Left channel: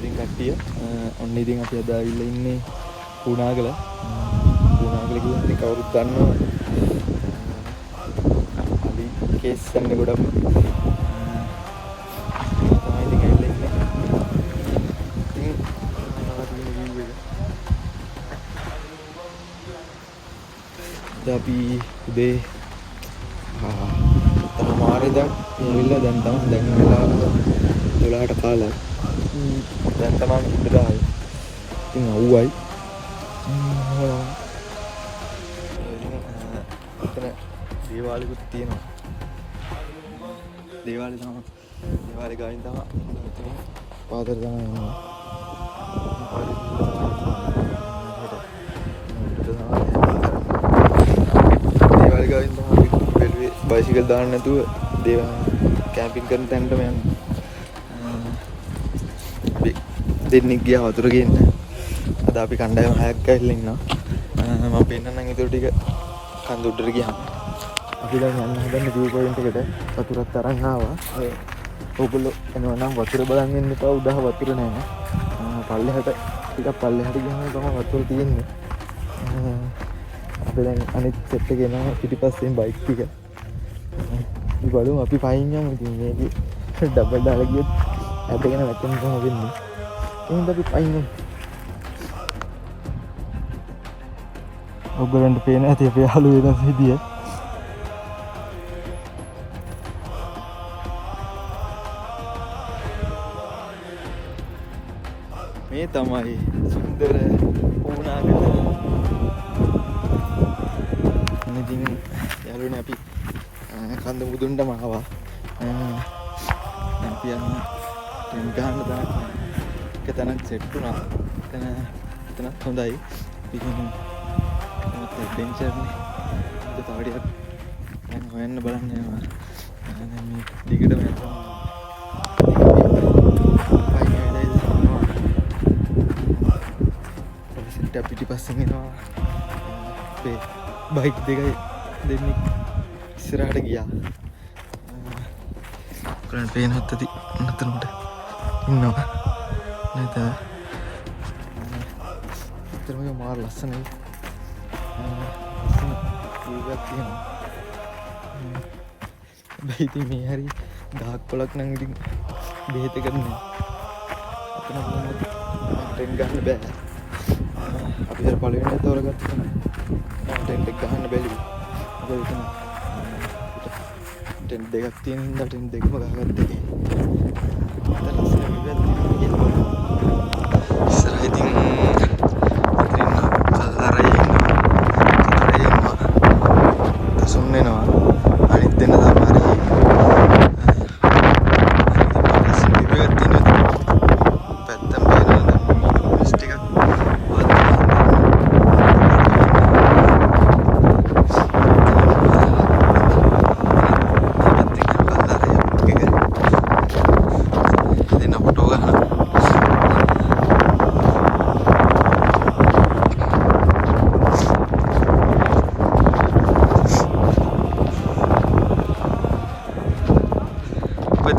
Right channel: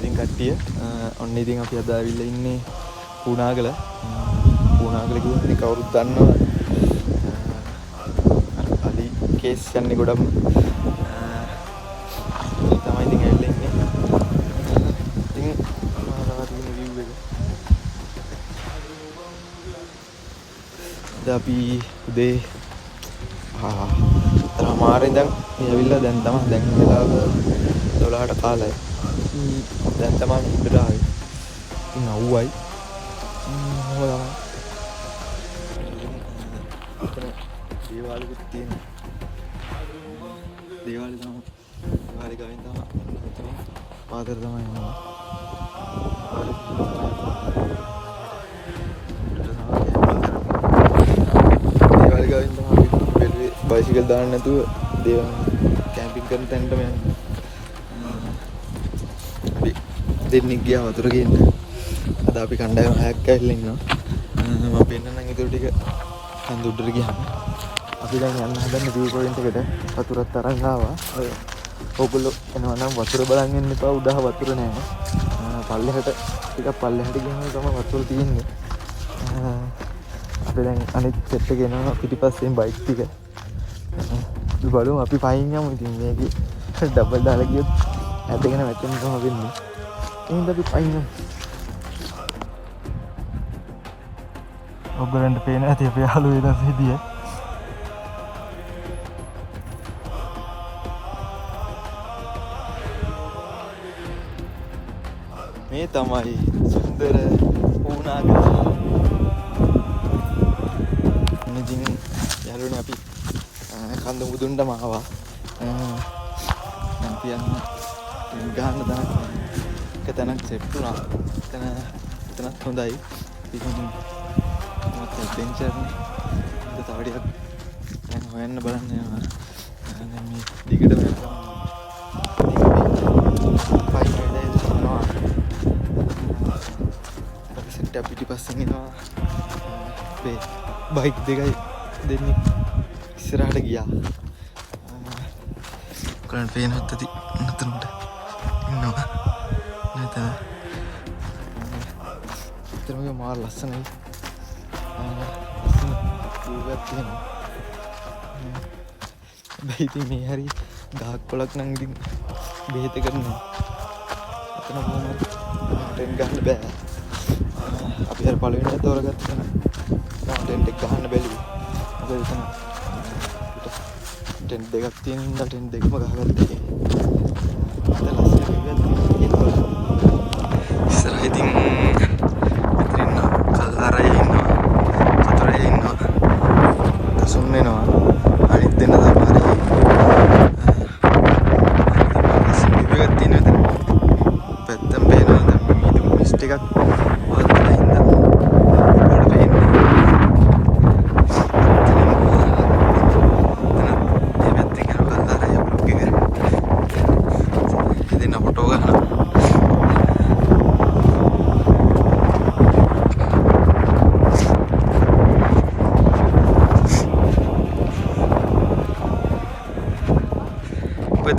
ඉතින් කට්ටිය ඔන්න ඉතින් අපි අද ආවිල්ලා ඉන්නේ පුණාගල. පුණාගල කියන්නේ කවුරුත් දන්නවා අලි කේස් යන්නේ ගොඩක්. තමයි ඉතින් ඇවිල්ලා ඉන්නේ. ඉතින් ආරාධින view එක. අපි උදේ මාරේ ඉඳන් ඇවිල්ලා දැන් තමයි වෙලාව 12ට 15යි. දැන් තමයි ඉඳලා ආවේ. ඉතින් අවුවයි. හොයා. එතන දේවාලෙකුත් තියෙනවා. දේවාලේ තමයි. දේවාලේ ගාවින් තමයි තියෙන්නේ. පාතර තමයි යනවා. දේවාලේ ගාවින් තමයි අපි බැලුවේ බයිසිකල් දාන්න නැතුව කැම්පින් කරන තැනටම යනවා. අපි දෙන්නෙක් ගියා වතුර ගේන්න. අද අපි කණ්ඩායම 6ක් ඇවිල්ලා ඉන්නවා. මම පෙන්නන්නම් ඊටු ටික කන්ද උඩට ගියාම. අපි දැන් යන්න හදන්නේ view point එකට. වතුරත් තරන් ආවා. ඕගොල්ලෝ එනවා නම් වතුර බලන් ඉන්න එපා. උඩහ වතුර නැහැ. පල්ලෙහාට ටිකක් පල්ලෙහාට ගියාම තමයි වතුර තියෙන්නේ. අපි දැන් අනිත් සෙට් එක එනවා පිටිපස්සෙන් බයික් ටික. බලමු අපි පයින් යමු. ඉතින් මේක ඩබල් දාලා ගියොත් ඇදගෙන වැටෙන්න තමයි වෙන්නේ. එහෙනම් අපි පයින් යමු. ඔබෙන්ට පේන ඇති අපේ යාළුවෝ වෙනස් විදිය. මේ තමයි සුන්දර පුණාගල. ඉතින් යාළුවනේ අපි කන්ද මුදුන්ටම ආවා. දැන් කියන්න ටෙන් ගහන්න දාන්න එක තැනක් සෙට් වුණා. එතනත් හොඳයි. ඉතින් මට ටෙන්ෂන් නේ. තව ටිකක් දැන් හොයන්න බලන්න යනවා. දැන් මේ දිගටම යනවා. සෙට් එක පිටිපස්සෙන් එනවා. අපේ බයික් දෙකයි දෙන්නේ ඉස්සරහට ගියා. කොහෙන් පේනවත් ඇති නතරමට ඉන්නවා නේද? ඉතරම මාර ලස්සනයි. ඒවත් තියෙනවා. හැබැයි ඉතින් මේ හරි ගහක් කොලක් නම් ඉතින් බෙහෙත කරනවා. අතන කොහොමද ටෙන් ගන්න බෑ. අපි අර පළවෙනි තෝරගත්ත කෙනා ටෙන් එක ගන්න බැලුවේ. මොකද එතන ටෙන් දෙකක් තියෙන හින්දා ටෙන් දෙකම ගහගත්තා. අද ලස්සන විදිහට තියෙනවා. ඉස්සරහ ඉතින් කල්ලාරේ ඉන්නවා. දසුන් වෙනවා. අනිත් දෙන්න තමයි. පැත්තම වෙනවා. ටිකක්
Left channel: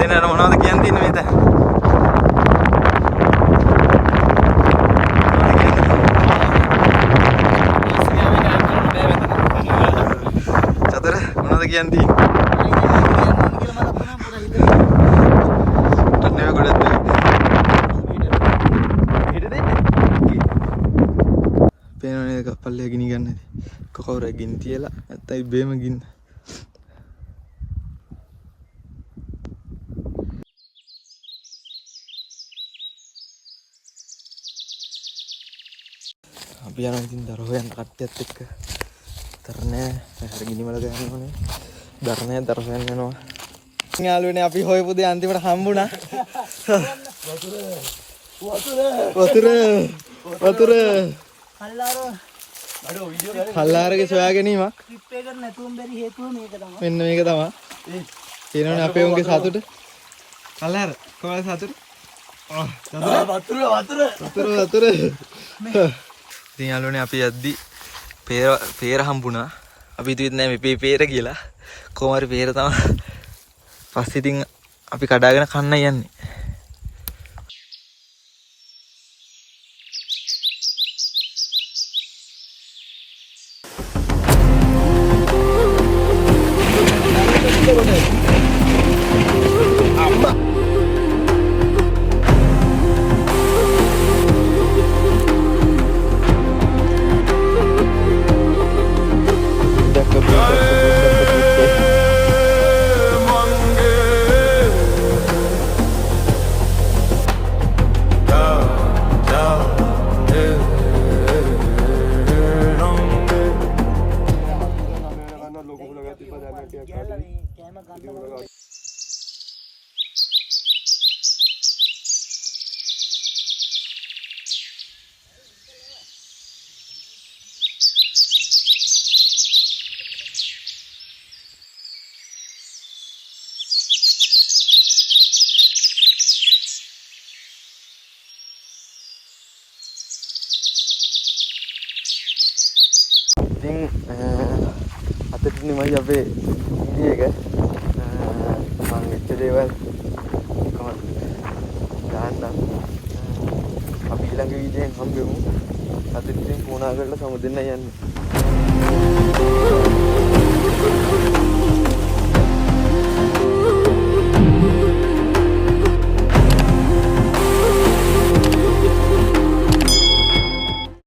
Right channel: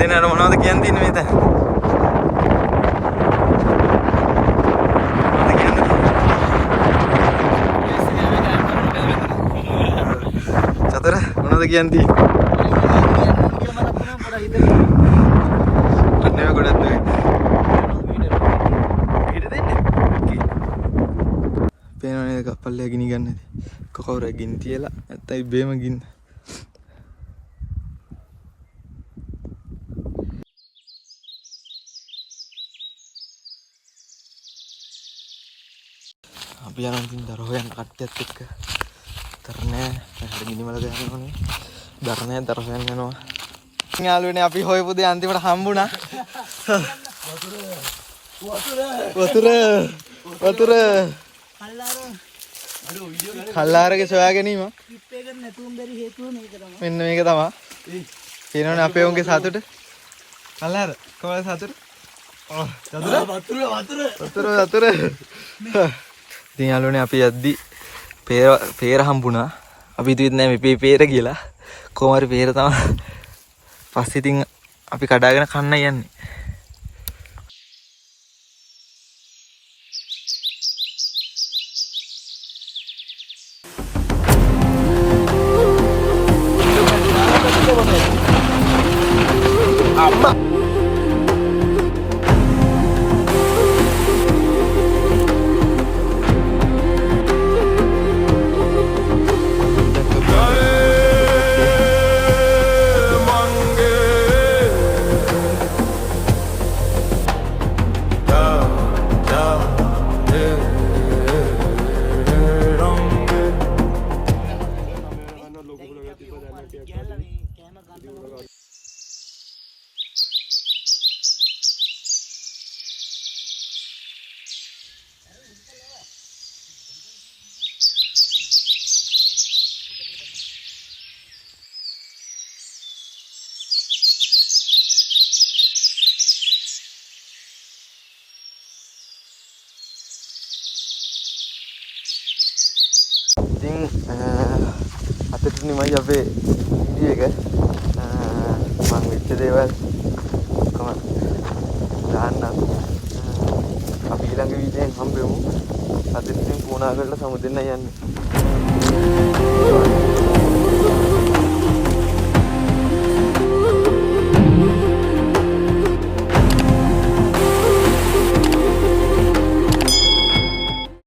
දෙන්නට මොනවද කියන්න තියෙන්නේ මේ තැන? චතුර මොනවද කියන්න තියෙන්නේ? අනේ ගොඩක් හිට දෙන්නේ. පේනවනේ කපල්ලේ ගිනි ගන්න. කවුරුයි ගිනි තියලා නැත්නම් ඉබේම ගින්න. අපි යනවා ඉතින් දර හොයන්න කට්ටියත් එක්ක. දරනේ හැර ගිනිමල ගන්න ඕනේ. දරනේ දර හොයන්න යනවා. යාළුවනේ අපි හොයපු දේ අන්තිමට හම්බුණා. වතුර කල්ලාරගේ සොයා ගැනීම. ට්‍රිප් එකකට නැතුවම බැරි හේතුව මේක තමයි. මෙන්න මේක තමයි. කියනවනේ අපේ උන්ගේ සතුට. කල්ලාර කොහොමද සතුට? වතුර. ඉතින් යාළුවනේ අපි යද්දි පේර හම්බුණා. අපි හිතුවේ නෑ මේ පේර කියලා. කොහොම හරි පේර තමයි. පස්සේ ඉතින් අපි කඩාගෙන කන්න යන්නේ. ඉතින් අතට නිමයි අපේ වීඩියෝ එක මම වෙච්ච දේවල් කොහොමද දාන්නම් අපි ඊළඟ වීඩියෝෙන් හම්බෙමු අද ඉතින් පුණාගල සමුදෙන්න යන්නේ